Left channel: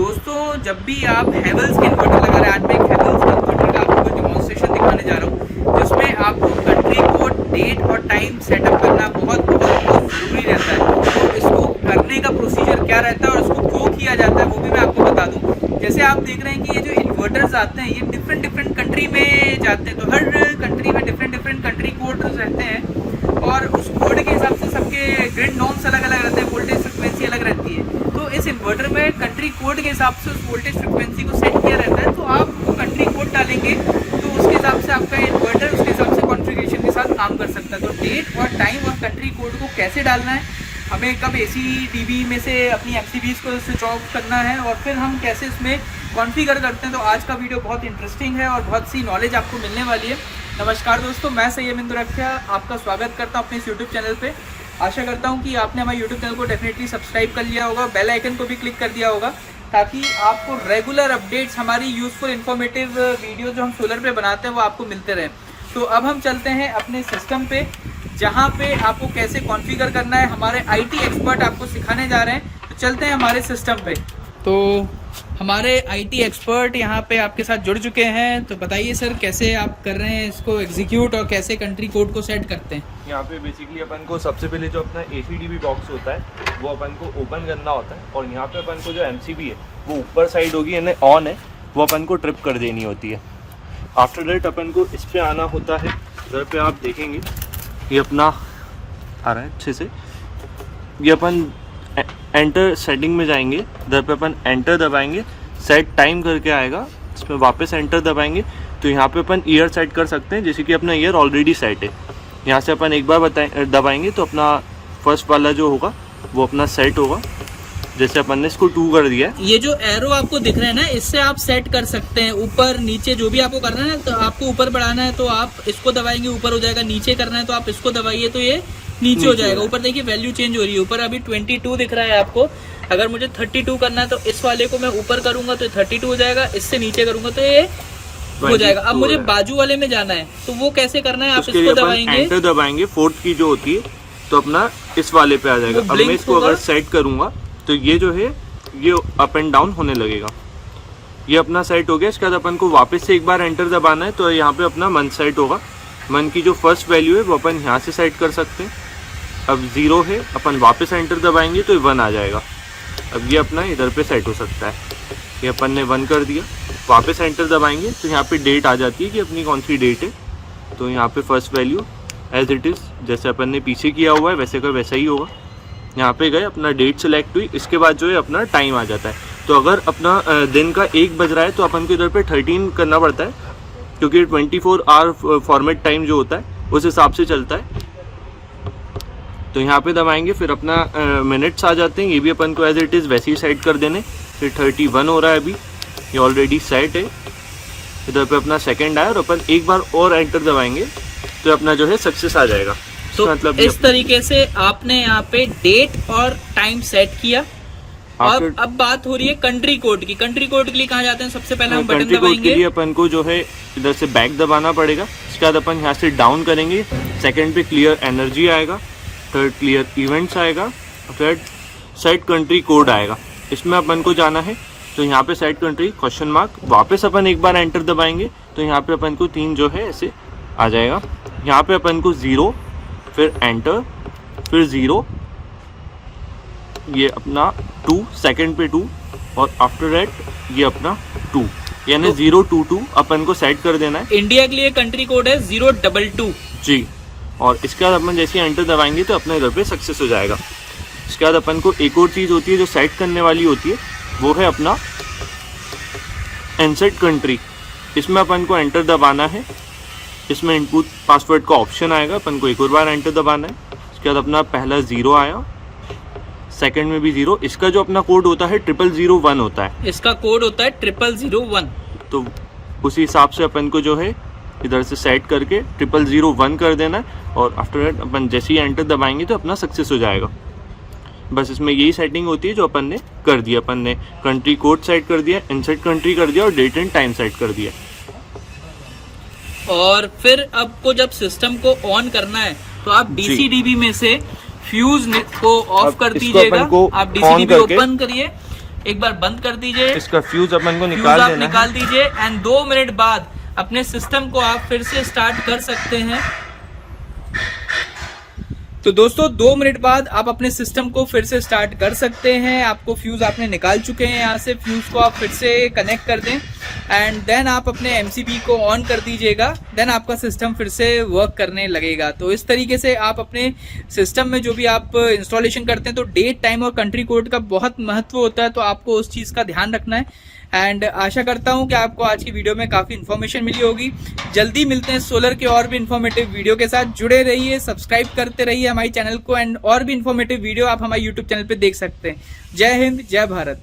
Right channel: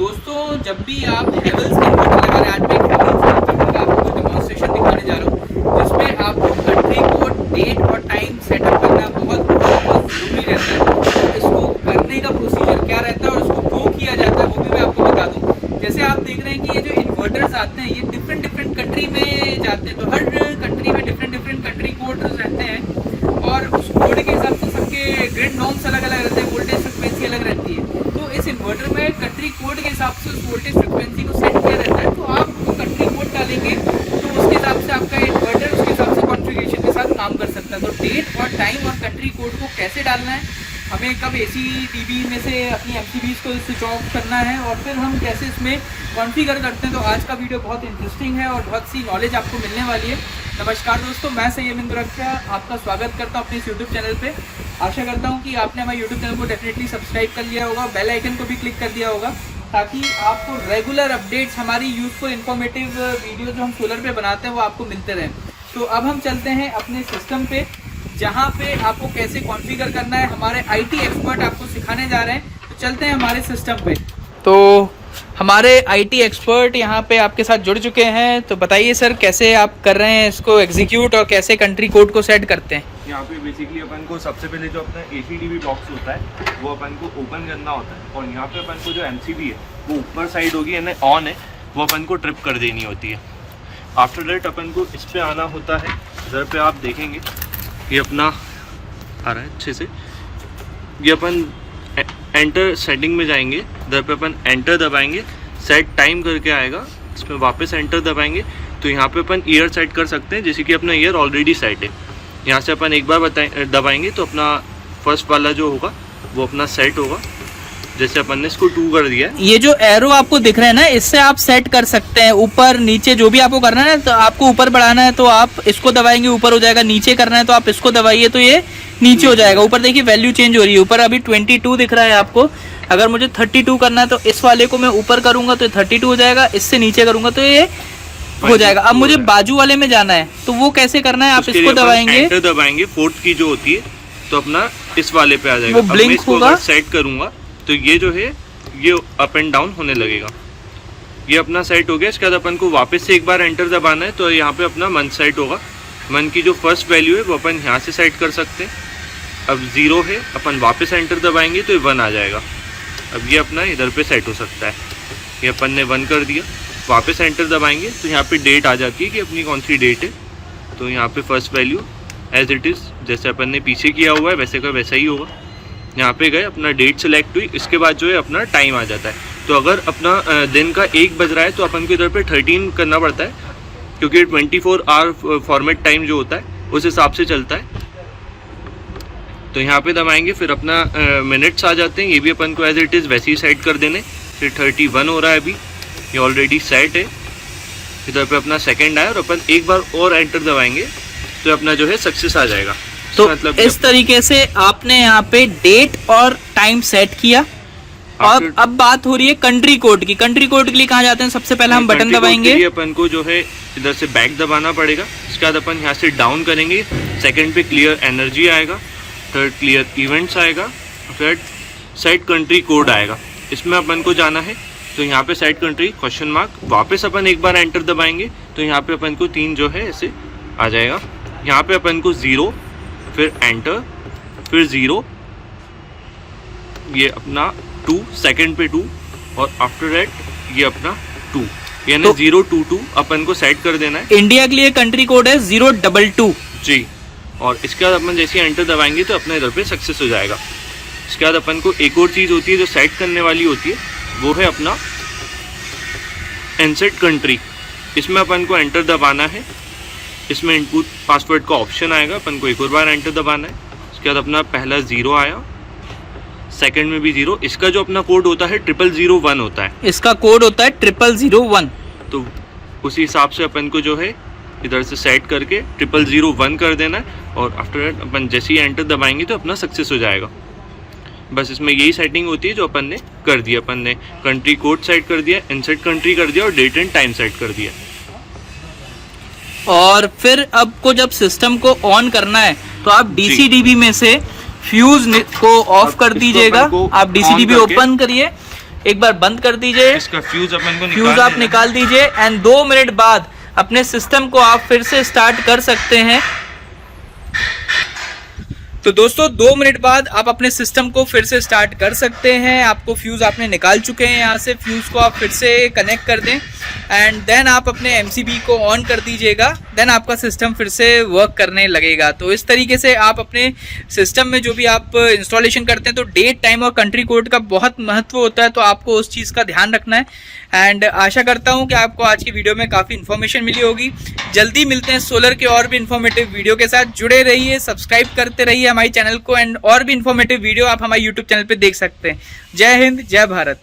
दोस्तों जब भी आप हैवेल्स के इन्वर्टर लगा रहे हैं, आज मैं एक हैवेल्स के इन्वर्टर का आपको डेमोन्स्ट्रेशन दिखाने जा रहा हूँ जिसमें आपको कंट्री कोड, डेट और टाइम सेटअप करना बहुत ज़रूरी रहता है। तो इसको करने का प्रोसीजर क्या रहता है और इसको क्यों किया जाता है वो भी मैं आपको बता दूँ। जैसे आप देख रहे हैं कि ये जो इन्वर्टर्स आते हैं ये डिफरेंट कंट्री में जाते हैं, तो हर कंट्री में डिफरेंट कंट्री कोड रहते हैं और उस कोड के हिसाब से सबके ग्रिड नॉर्म्स अलग अलग रहते हैं, वोल्टेज फ्रिक्वेंसी अलग रहती है। तो इस इन्वर्टर में कंट्री कोड के हिसाब से उस वोल्टेज फ्रिक्वेंसी को सेट किया रहता है। तो आप वो कंट्री कोड डालेंगे तो उसके हिसाब से आपका इन्वर्टर उसके हिसाब से कॉन्फ़िगरेशन के साथ काम कर सकता है। तो डेट और टाइम और कंट्री कोड को कैसे डालना है, हमें कब एसी डीबी में से अपनी एमसीबीज़ को स्विच ऑफ करना है और फिर हम कैसे इसमें कॉन्फ़िगर करते हैं, तो आज का वीडियो बहुत इंटरेस्टिंग है और बहुत सी नॉलेज आपको मिलने वाली है। नमस्कार दोस्तों, मैं सैयद इंदुरक्षा आपका स्वागत करता हूं अपने इस यूट्यूब चैनल पे। आशा करता हूं कि आपने हमारे यूट्यूब चैनल को डेफिनेटली सब्सक्राइब कर लिया होगा, बेल आइकन को भी क्लिक कर दिया होगा ताकि आपको रेगुलर अपडेट्स, हमारी यूजफुल इन्फॉर्मेटिव वीडियो जो हम सोलर पे बनाते हैं वो आपको मिलते रहें। तो अब हम चलते हैं अपने सिस्टम पे जहाँ पे आपको कैसे कॉन्फ़िगर करना है, हमारे IT एक्सपर्ट आपको सिखाने जा रहे हैं। तो चलते हैं हमारे सिस्टम पे। तो हमारे IT एक्सपर्ट यहाँ पे आपके साथ जुड़ चुके हैं। तो बताइए सर, कैसे आप कर रहे हैं इसको एग्जीक्यूट और कैसे कंट्री कोड को सेट करते हैं? यहाँ पे बेसिकली अपन को सबसे पहले जो अपना ACDB बॉक्स होता है वो अपन को ओपन करना होता है और यहाँ पे अपन को जो MCB है वो ऊपर साइड होगी, यानी ऑन है, वो अपन को ट्रिप कर देनी होती है। आफ्टर दैट अपन को इस पे आना होता है। इधर पे आप देखेंगे ये अपना आ रहा है अच्छे से, ये अपन एंटर सेटिंग में जाएंगे, इधर पे अपन एंटर दबाएंगे, सेट टाइम करके आएगा, इसमें वापस एंटर दबाएंगे तो यहाँ पे अपन ईयर सेट कर सकते हैं, जैसे कि अपना ईयर ऑलरेडी सेट है। यहाँ से अपन एक बार दबाएंगे तो अपना फर्स्ट वाला जो होगा वो अपना सेट होगा, जैसे अपन ने इसको 2 कर दिया है। ये जो एरो आपको दिख रहे हैं ना, इससे आप सेट कर सकते हैं ऊपर नीचे, जो भी आपको करना है। तो आपको ऊपर बढ़ाना है तो आप इसको दबाएंगे, ऊपर हो जाएगा। नीचे करना है तो आप इसको दबाइए तो ये नीचे हो जाएगा। ऊपर देखिए वैल्यू चेंज हो रही है, ऊपर अभी 22 दिख रहा है आपको। अगर मुझे 32 करना है तो इस वाले को मैं ऊपर करूंगा तो 32 हो जाएगा, इससे नीचे करूंगा तो ये हो जाएगा। अब मुझे बाजू वाले में जाना है तो वो कैसे करना है, आप इसको दबाएंगे, एंटर दबाएंगे, 4th की जो होती है तो अपना इस वाले पे आ जाएगा। अब मैं इसको अगर सेट करूंगा तो ये जो है ये अप एंड डाउन होने लगेगा। ये अपना सेट हो गया। इसके बाद अपन को वापस से एक बार एंटर दबाना है तो यहाँ पे अपना मंथ सेट होगा। मंथ की जो फर्स्ट वैल्यू है वो अपन यहाँ से सेट कर सकते हैं। अब 0 है, अपन वापस एंटर दबाएंगे तो ये 1 आ जाएगा। अब ये अपना इधर पे सेट हो सकता है। ये अपन ने 1 कर दिया, वापस एंटर दबाएंगे तो यहाँ पे डेट आ जाती है कि अपनी कौन सी डेट है। तो यहाँ पे first value as it is, जैसे अपन ने पीछे किया हुआ है वैसे का वैसा ही होगा। यहाँ पे गए, अपना डेट सेलेक्ट हुई, इसके बाद जो है अपना टाइम आ जाता है। तो अगर अपना दिन का 1 बज रहा है तो अपन को इधर पे 13 करना पड़ता है, क्योंकि 24 आवर फॉर्मेट टाइम जो होता है उस हिसाब से चलता है। तो यहाँ पे दबाएंगे, फिर अपना मिनट्स आ जाते हैं, ये भी अपन को एज इट इज़ वैसे ही सेट कर देने। फिर 31 हो रहा है, अभी ये ऑलरेडी सेट है। इधर पे अपना सेकेंड आया और अपन एक बार और एंटर दबाएंगे तो अपना जो है सक्सेस आ जाएगा। तो मतलब इस तरीके से आपने यहाँ पे डेट और टाइम सेट किया। और अब बात हो रही है कंट्री कोड की। कंट्री कोड के लिए कहाँ जाते हैं? सबसे पहले हम बटन दबाएंगे, अपन को जो है इधर से बैक दबाना पड़ेगा। इसके बाद अपन यहाँ से डाउन करेंगे, सेकंड पे क्लियर एनर्जी आएगा, थर्ड क्लियर इवेंट्स आएगा, फिर सेट कंट्री कोड आएगा। इसमें अपन को जाना है तो यहाँ पे सेट कंट्री क्वेश्चन मार्क, वापस अपन एक बार एंटर दबाएंगे तो यहाँ पे अपन को 3 जो है ऐसे आ जाएगा। यहाँ पे अपन को 0, फिर एंटर, फिर 0, ये अपना 2, सेकंड पे 2 और आफ्टर दैट ये अपना 2, यानी तो 022 अपन को सेट कर देना है। इंडिया के लिए कंट्री कोड है 022 जी। और इसके बाद अपन जैसे एंटर दबाएंगे तो अपने इधर पे सक्सेस हो जाएगा। इसके बाद अपन को एक और चीज़ होती है जो सेट करने वाली होती है, वो है अपना इनसेट कंट्री। इसमें अपन को एंटर दबाना है, इसमें इनपुट पासवर्ड का ऑप्शन आएगा, अपन को एक और बार एंटर दबाना है। इसके बाद अपना पहला 0 आया, सेकंड में भी 0। इसका जो अपना कोड होता है 0001 होता है, इसका कोड होता है 0001। तो उसी हिसाब से अपन को जो है इधर से सेट करके 0001 कर देना है और आफ्टर दैट अपन जैसे ही एंटर दबाएंगे तो अपना सक्सेस हो जाएगा। बस इसमें यही सेटिंग होती है जो अपन ने कर दिया। अपन ने कंट्री कोड सेट कर दिया, इनसेट कंट्री कर दिया और डेट एंड टाइम सेट कर दिया। और फिर अब को जब सिस्टम को ऑन करना है तो आप डीसी-डीबी में से फ्यूज को ऑफ कर दीजिएगा। आप डीसी-डीबी ओपन करिए, एक बार बंद कर दीजिए, इसका फ्यूज अपन को फ्यूज निकाल आप देना। निकाल दीजिए एंड 2 मिनट बाद अपने सिस्टम को आप फिर से स्टार्ट कर सकते हैं। तो दोस्तों 2 मिनट बाद आप अपने सिस्टम को फिर से स्टार्ट कर सकते हैं। आपको फ्यूज आपने निकाल चुके हैं, यहाँ से फ्यूज को आप फिर से कनेक्ट कर दें एंड देन आप अपने एमसीबी को ऑन कर दीजिएगा, देन आपका सिस्टम फिर से वर्क करने लगेगा। तो इस तरीके से आप अपने सिस्टम में जो भी आप इंस्टॉलेशन करते हैं तो डेट, टाइम और कंट्री कोड का बहुत महत्व होता है, तो आपको उस चीज़ का ध्यान रखना है। एंड आशा करता हूं कि आपको आज की वीडियो में काफ़ी इन्फॉर्मेशन मिली होगी। जल्दी मिलते हैं सोलर के और भी इन्फॉर्मेटिव वीडियो के साथ। जुड़े रहिए, सब्सक्राइब करते रहिए हमारे चैनल को एंड और भी इन्फॉर्मेटिव वीडियो आप हमारे यूट्यूब चैनल पे देख सकते हैं। जय हिंद, जय भारत।